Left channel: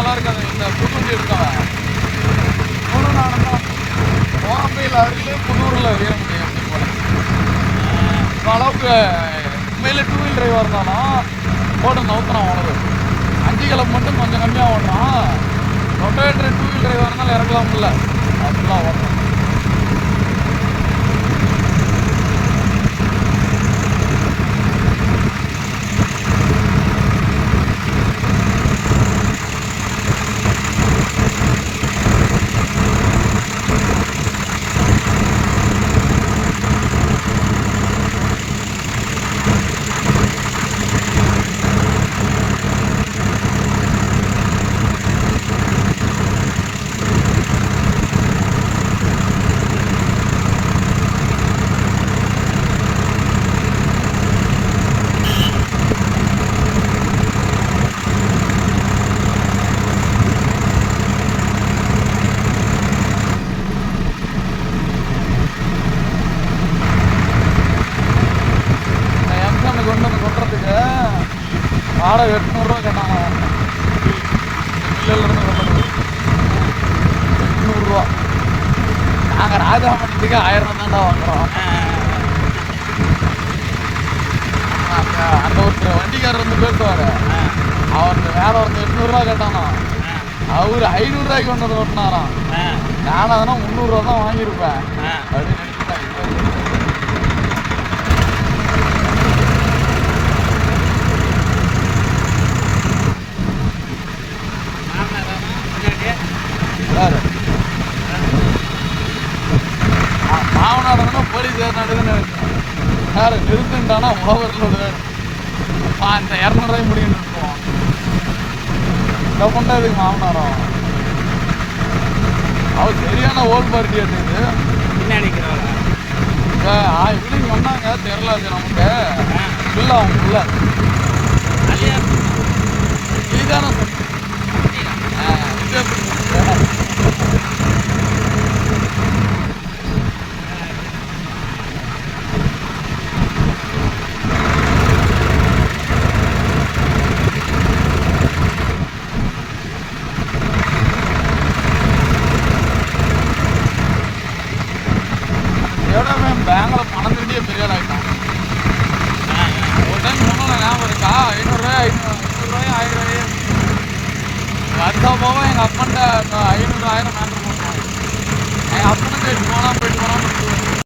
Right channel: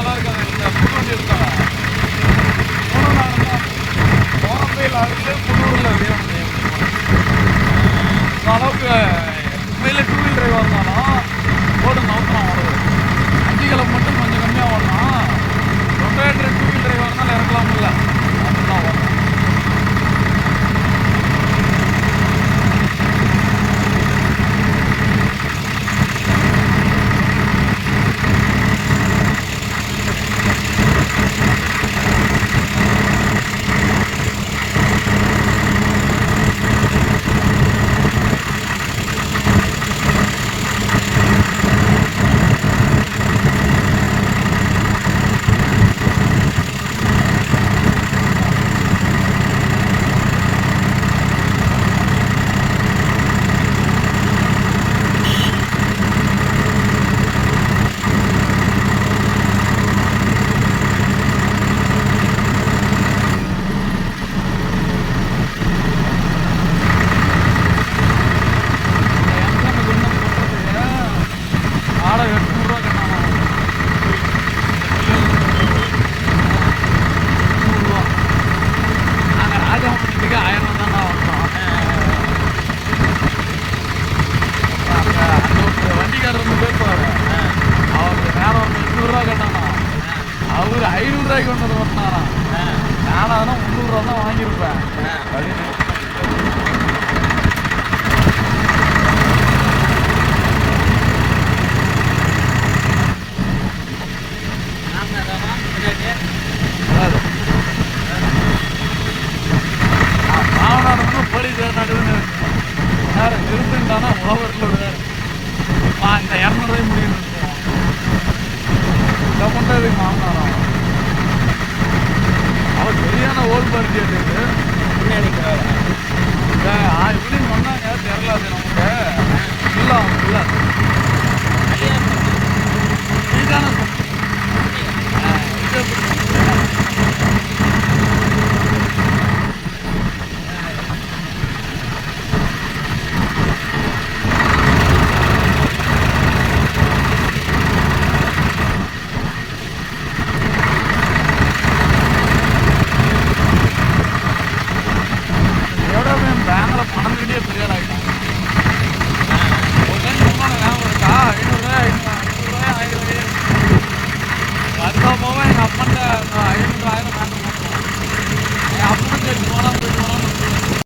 நல்லா இருக்காது. இந்த புது வண்டி எடுத்தவன் 3 நாள் தான் கோரம்பையில் அருகே புதூரில் வேணும் அளவுக்கு உண்மையிலே 2 வீலர் டிரைவாக இருந்தாலும் போட்டு நவுத்தலாம் ஓடுது. 5 கிலோ மட்டும் கொஞ்சம் கம்மியாக ஓடுறான். ரொட்டேட்டர் 2 வீலர் டிரைவாக இருந்தாலும் இறக்கலாம் இல்லை அப்படிலாம் ஓடுறான். வாடகை 800 கேட்டாங்க. 100 நாங்கள் ராஜாமணத்துக்கு 1000 தான்டா வாங்குறோம். அந்த ஒருத்தர் வண்டிக்காரர் வந்து பேசுவார். அவருக்கு வேற ஒருத்தர் 800 கேட்டானா, அவர் 500 கொண்டு வந்து ஓட்டினாராம். நானும் அதனால் 300 தான் வாங்கியிருப்பேன் அப்படின்னு. மாவனாடுனா போலீஸ் ஏறினாடுன்னு சார் திருத்துட்டானா ஓவரில் விடுவேன். அந்த 200 முடியும் இதை பண்ணுறதுக்கு மாவனாடம் அவர் சரியான ஓல் பார்ட்டி எடுத்தது நினைக்கிறார். இப்படின்னு சொன்னாங்க தெரியல. அது நமக்கு இல்லை அவங்க இல்லை நீதானே பேங்கில் பணம் தூண்டியே பெரிய ஆகிட்டாங்க. ஒரு டைம் சொன்னாங்க ஞாபகம் இருக்கா? 500 1000 அடுத்த போக எங்கள் அப்பாண்ட 500 1000 வாங்கினேன்.